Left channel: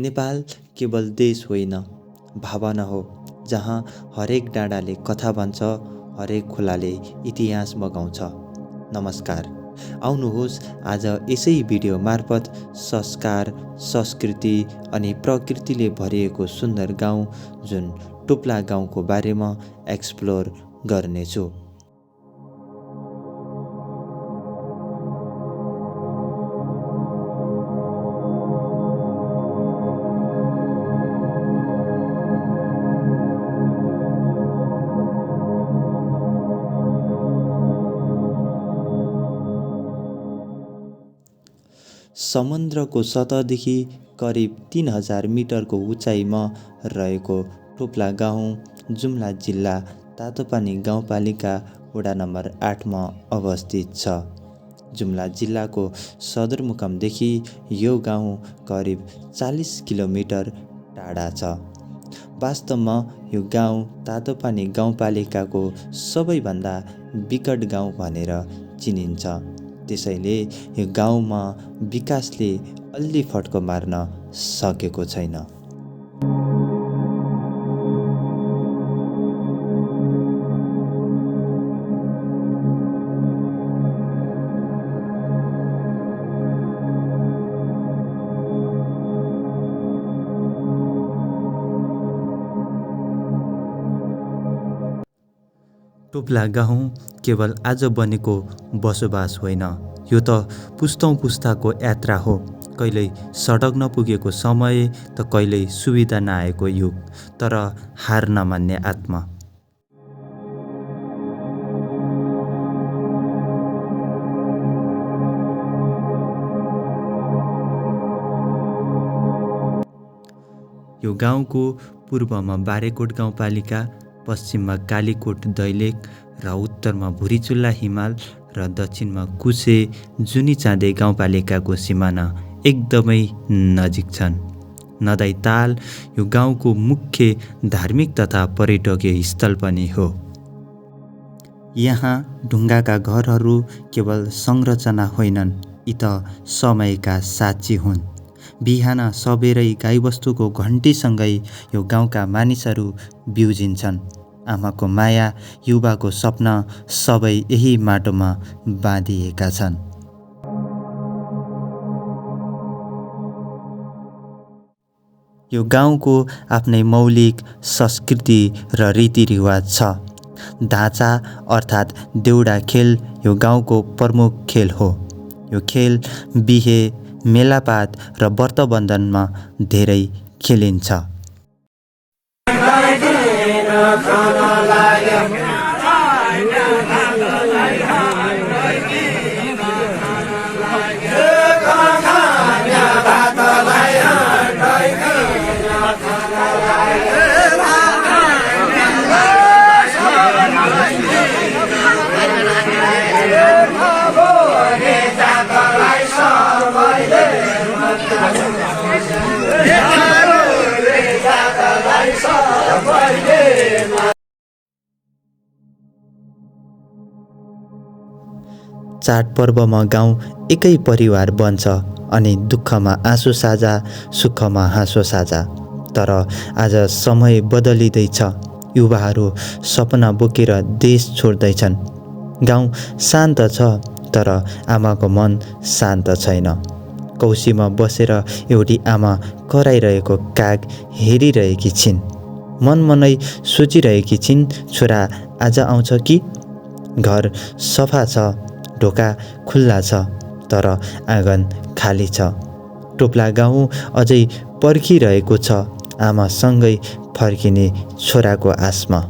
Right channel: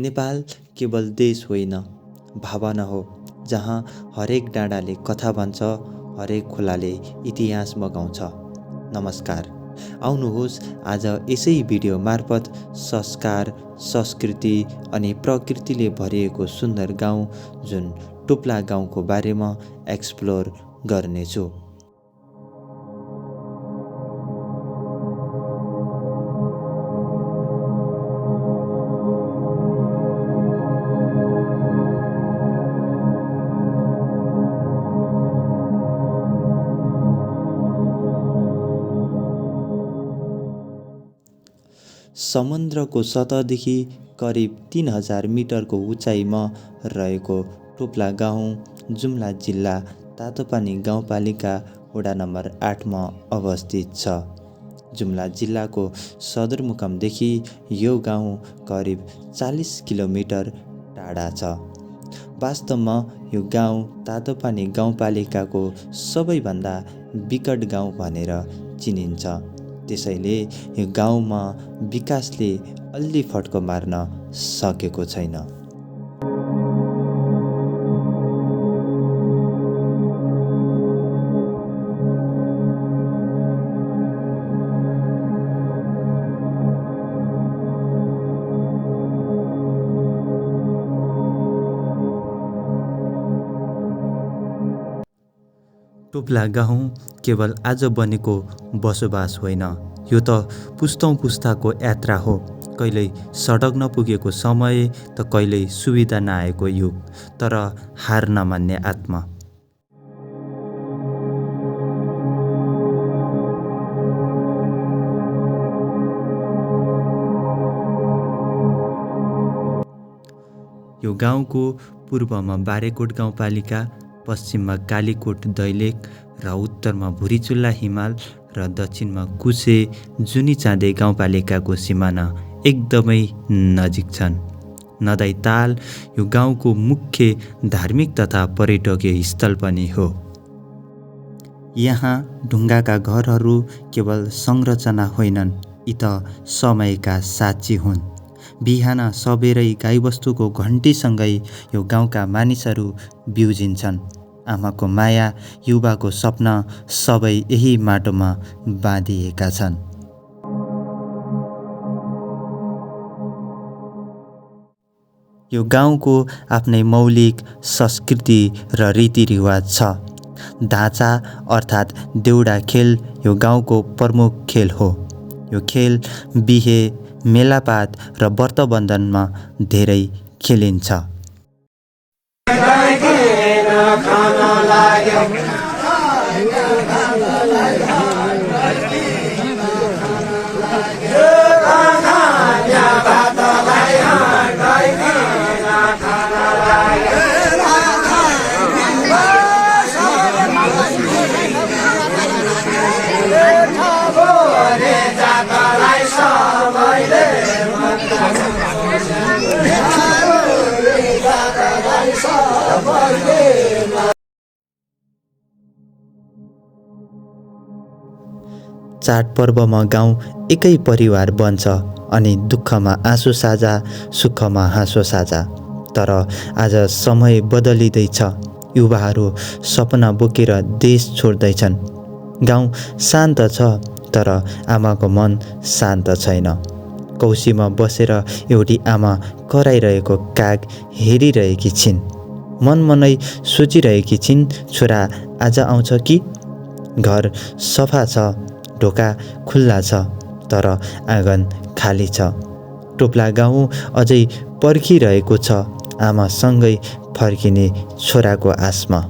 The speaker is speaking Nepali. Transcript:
नेपाल केवल देश होइन, भावना हो जहाँ हरेक डाँडाले कथा भन्छ, हरेक खोलाले इतिहास बगाउँछ। नमस्कार, आउनुहोस् आज यसै भिडियो मार्फत संस्कार, संस्कृति अनि प्रकृतिले भरिएको सुन्दर गाउँ जुन टोप्ला गाउँको बारेमा एक्सप्लोर गर्नेछु। समुद्रको सतहदेखि करिब 3000 मिटरको उचाइमा रहेको टोप्ला गाउँ जुम्ला जिल्ला तातोपानी गाउँपालिका वडा नम्बर 8 मा अवस्थित छ। जुम्ला जिल्लाको सदरमुकामदेखि यो गाउँ करिब 40 किलोमिटर टाढा छ। वास्तवमा यो गाउँ तातोपानी गाउँपालिकाको सबैभन्दा विकट गाउँ भनेर चिनिन्छ। त्यसैले यो गाउँमा विकासले अल्ली फड्को मार्न सकेको छैन। टोप्ला गाउँ केवल आज बनेको बसोबास होइन, यो त पुस्तौँ पुस्ताको यात्रा हो। कहिल्यै सडक नपुगेको समय त कहिल्यै सुविधा नआएको युग, तर हार नमान्ने आत्मा। यो गाउँको पूर्वमा बारेकोट गाउँपालिका, पश्चिममा कालीकोट दैलेख र उत्तरमा भुरीचुल्ला हिमाल र दक्षिणमा कुसे जुनी चाँदे गाउँपालिकाको सिमाना एकदमै नजिक छन्। नदाई ताल यो गाउँको मुख्य धार्मिक तथा पर्यटकीय स्थल पनि हो। यहाँ ढुङ्गाका घरहरू केवल संरचना होइनन्, यी त समयका साक्षी हुन्। बिहान सबेरै गाईबस्तुको घन्टीसँगै यो गाउँका मानिसहरू बिउजिन्छन्। आमाको माया, युवाको सपना सबै यही माटोमा बाँधिएका छन्। यो गाउँको आफ्नै मौलिक संस्कृति र रीतिरिवाज छ। धाँचा अर्थात् देउडा खेल यो गाउँको प्रमुख खेल हो। यो खेल बिहे, मेलापात र व्रतबन्धनमा धेरै खेलिन्छ। चाडपर्वमा गाउँ एकै परिवार बन्छ अनि दुःखमा आँसु साझा, सुखमा हाँसो साझा। तर आज समय बदलिँदैछ, युवाहरू सपना बोकेर देश छोड्दैछन्। गाउँ शान्त छ, तर आमाको मन शान्त छैन। कौसीमा बसेर एउटी आमा कराइरहेको काग हेरिरहेकी छिन्। मनमनै सोचिरहेकी छिन्, छोरा आज आउँछ कि? घर सफा छ, ढोका खुल्ला छ, तर आँगन खाली छ। टोप्ला गाउँ अझै पर्खिरहेको छ, आमासँगै फर्किने छोराको आशमा।